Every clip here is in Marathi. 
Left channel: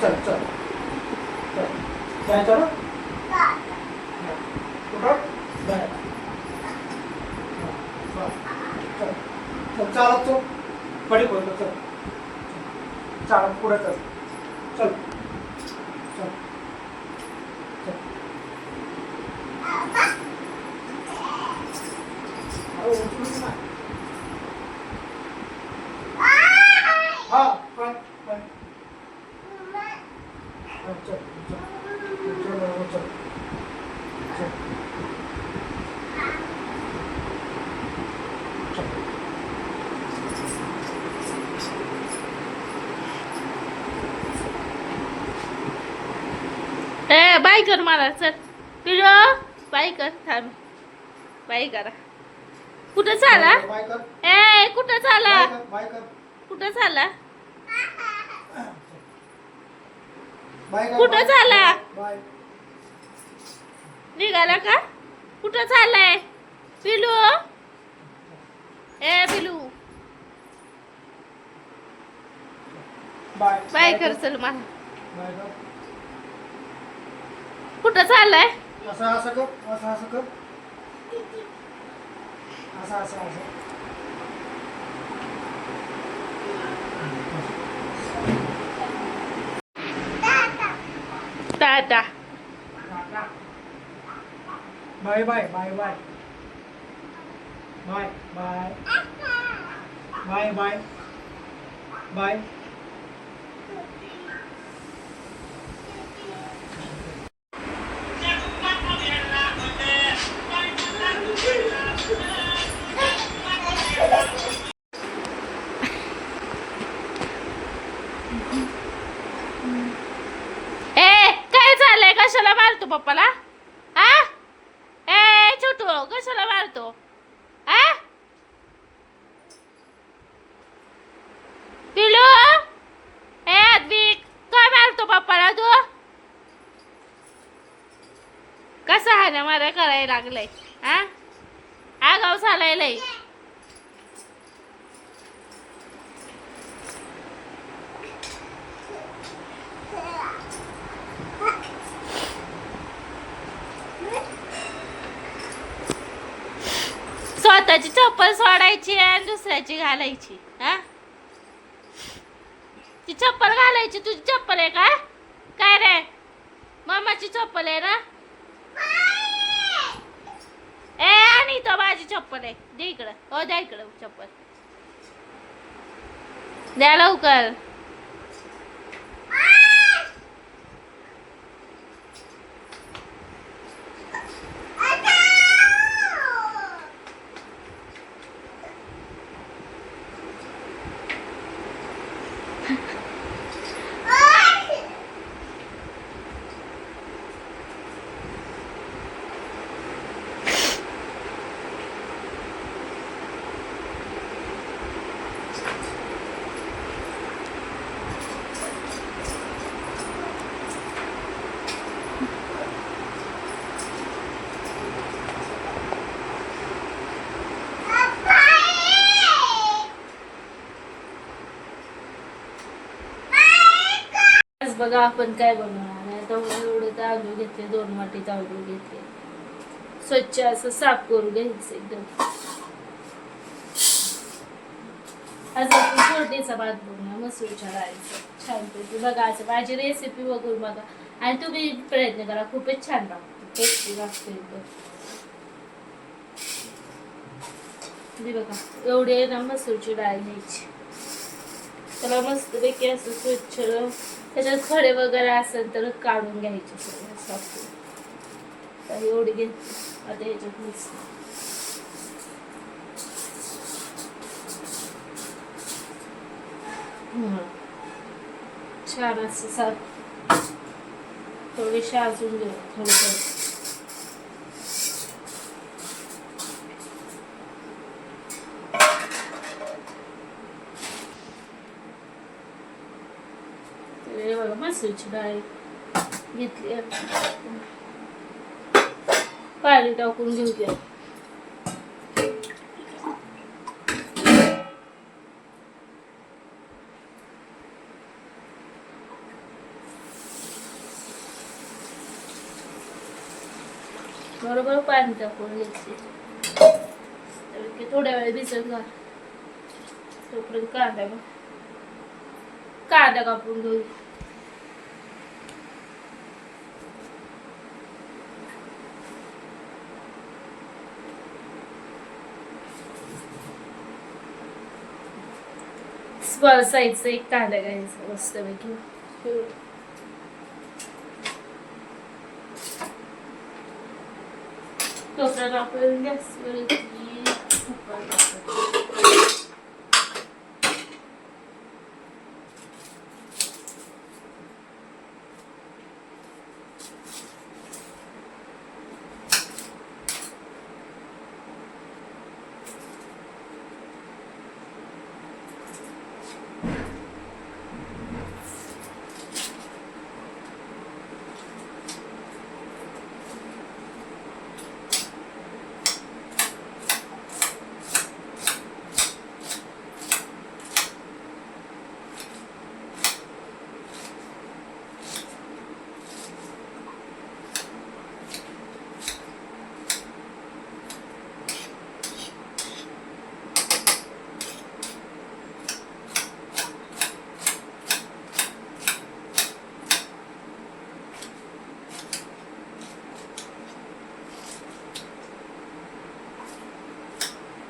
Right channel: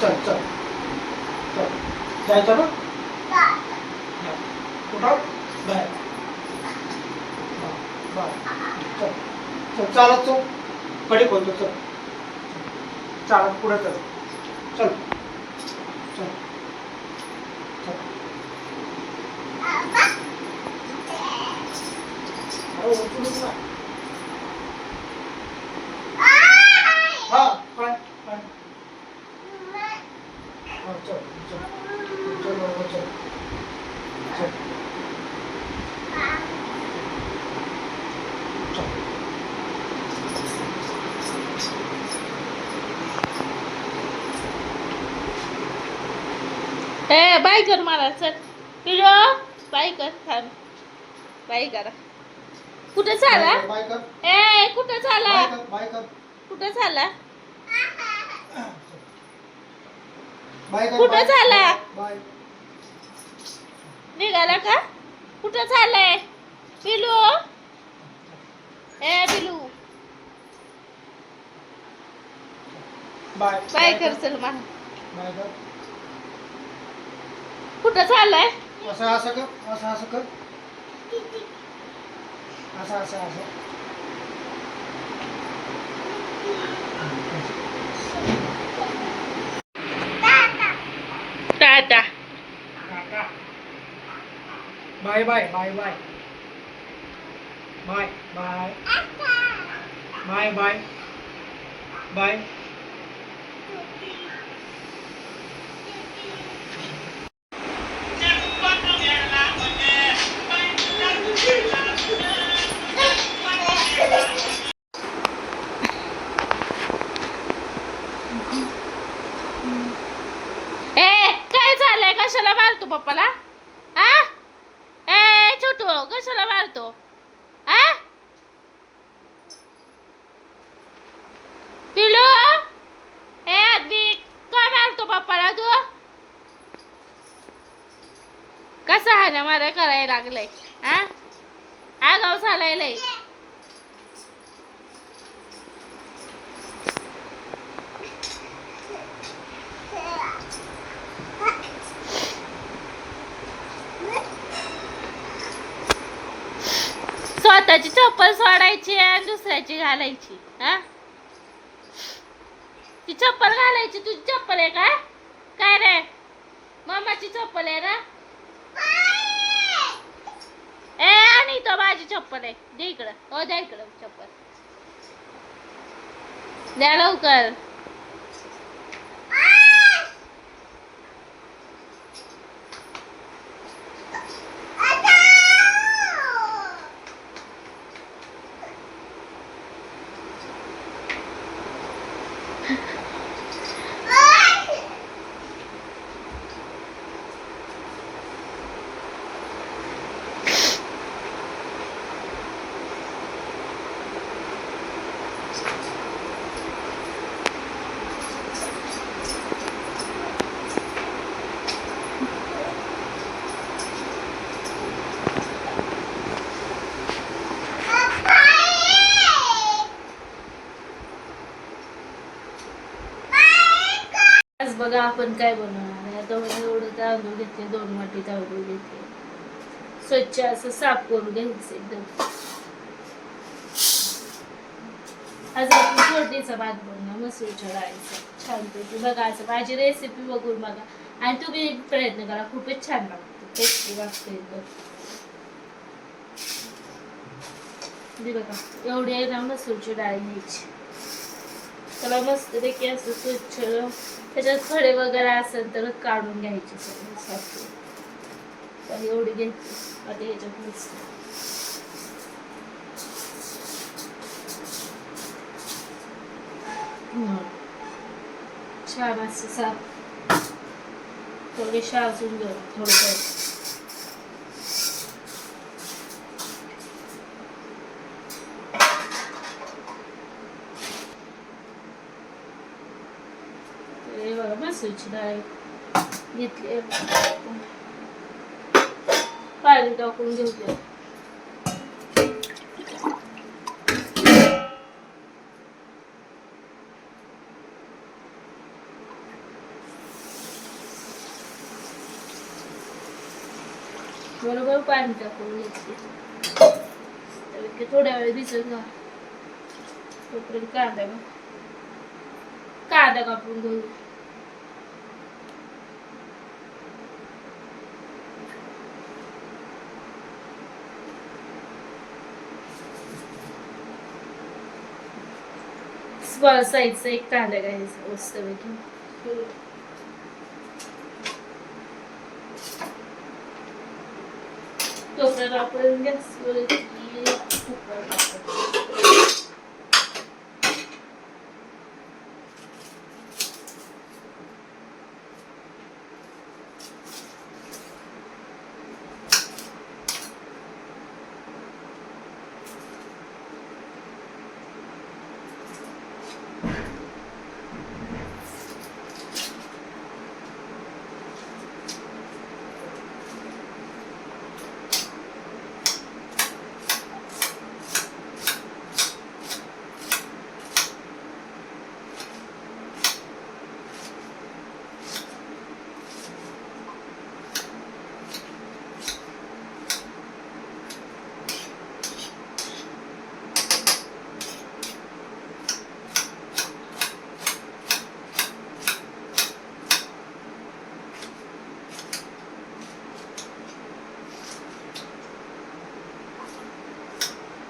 चल चल चल जायचं ना कुठं बाहेर चल चल चालत चल कडी बोलतो चल चालत पुढे चल चल चल चल अरे उचलूच ना हा काय काय हा चल चल चल बरोबर चल चल चल ए बाय कर मला चल तुझ्या बाय कर थांब बाय करा कुठं चाला बाय कर ए कुठं चाला बाय कर कुठं चाला बाय कर कुठं चाला बाय निघाला का कुठं चाललाय पिलू ए पिलू बाय बाय कर चल मला बाय कर कुठं चाललाय असं असं कर असं असं कर असं असं असं tata bye bye bye bye bye bye bye bye bye ए काय चाललंय कशाला मारतो पप्पाला आ ए छोटू कशाला मारतो आ पिलू ए आदमी काय मारतो पप्पाला तू कसा हाना मारा करायला लागलाय आ आगाव चालायलंय स्वतःची चप्पल सोडायची आणि दुसऱ्याची घालायची हा ती चप्पल घालायची तुझी चप्पल आहे का काय रे मम्माची चप्पल आहे ना ए आणि तो माझी चप्पल आहे दे इकडं हो द्या इकडं चप्पल द्या लवकर आज बघा आपण काय बनवणार आहे तर एवढं तांदूळ घेतले 2 वाटी तांदूळ घेतले स्वच्छ असं साफ करून घ्यायचं एकदम आज आपण फोडणीचा भात बनवूया मसूरच्या डाळीचा छानपैकी बघा असं माझी रेसिपी बघून बघा आणि तुम्ही प्रयत्न करा खूपच छान लागते टेस्टी लागते एकदम बघा एवढी आहे ना मसूरची डाळ घ्यायची त्याला मस्तपैकी असं स्वच्छ त्याच्यात खडे वगैरे असेल तर काढून घ्यायचे सगळं साफ तर एवढी घ्यायची आता याच्यात मस्त छान असं साफ थोडी शाजून घेऊ थोडं मसूरची डाळ घेतली पाणी टाकून घेऊया बरोबर पाणी टाकून घ्यायचे. तर ते थोड्या वेळ भिजत घाल. तोपर्यंत कांदा कापून घेऊ. स्मॉल साईजचा एक कांदा घ्यायचा मस्तपैकी. तोपर्यंत आपण गॅसवर कुकर टाकतो.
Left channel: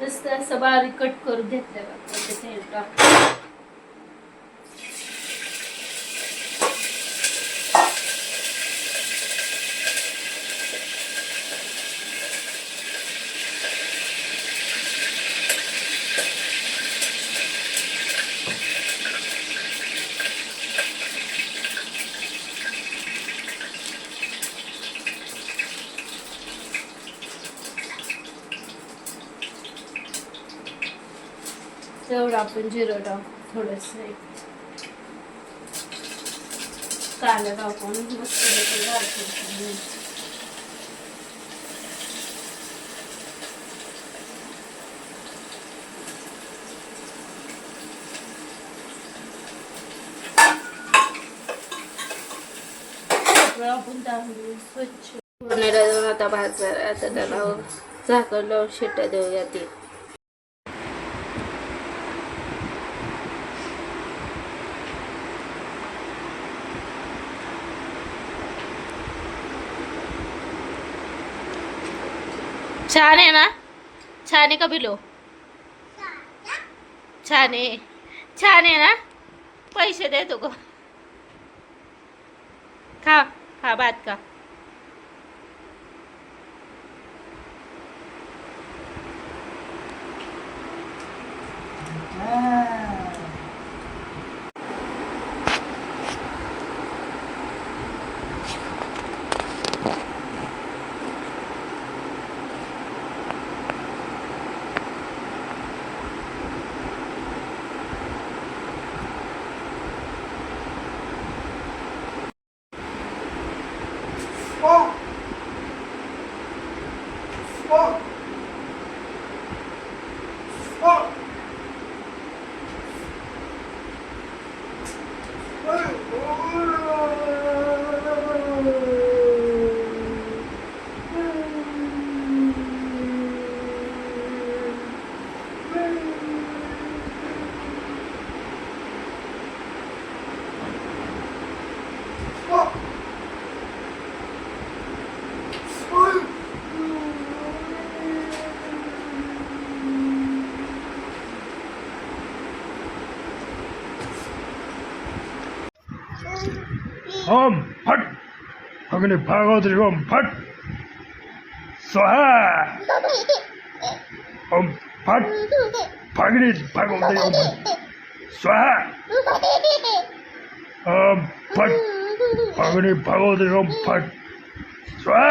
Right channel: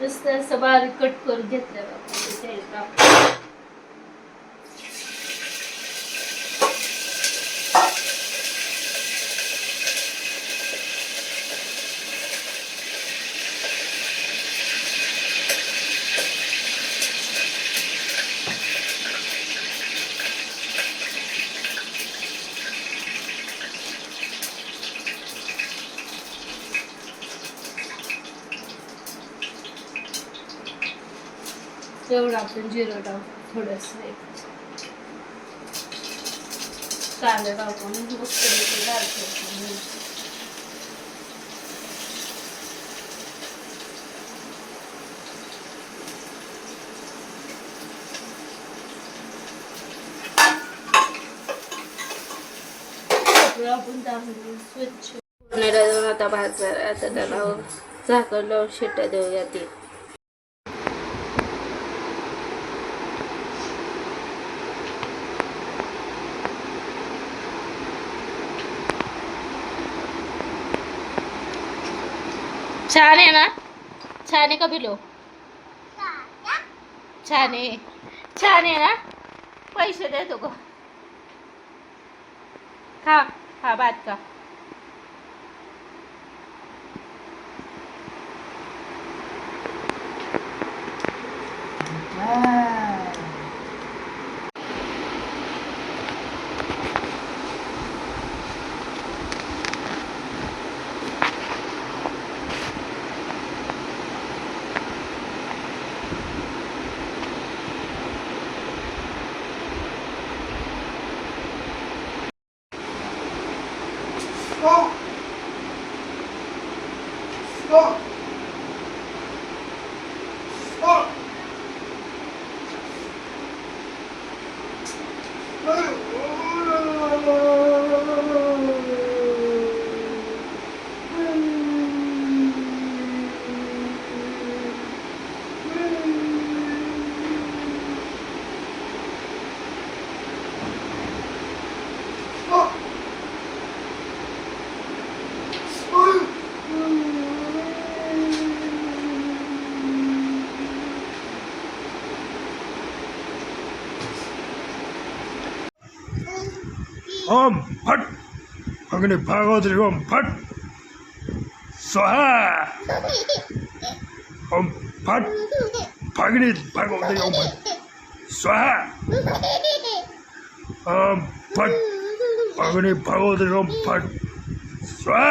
नुसतं असं बारीक कट करून घेतलं ते तेल टाकून. एवढं आपण जिरं टाकू. थोडस कांदा टाकून मस्त घालतो. आपण तांदूळ स्वच्छ फोडणीला देऊन आता आता त्याला झाकण लावून शिट्ट्या देऊया. ती छान आहे ना? छान आहे का बिलो? छान आहे. छान आहे ना? पैसे देतो का? खा खा भात का. ओम फट अग्नि भागवत्री ओम फट स्वाहा ओम फट फागणी भागवत्री ओम फट स्वाहा ओम फट अग्नि भागवत्री ओम फट स्वाहा.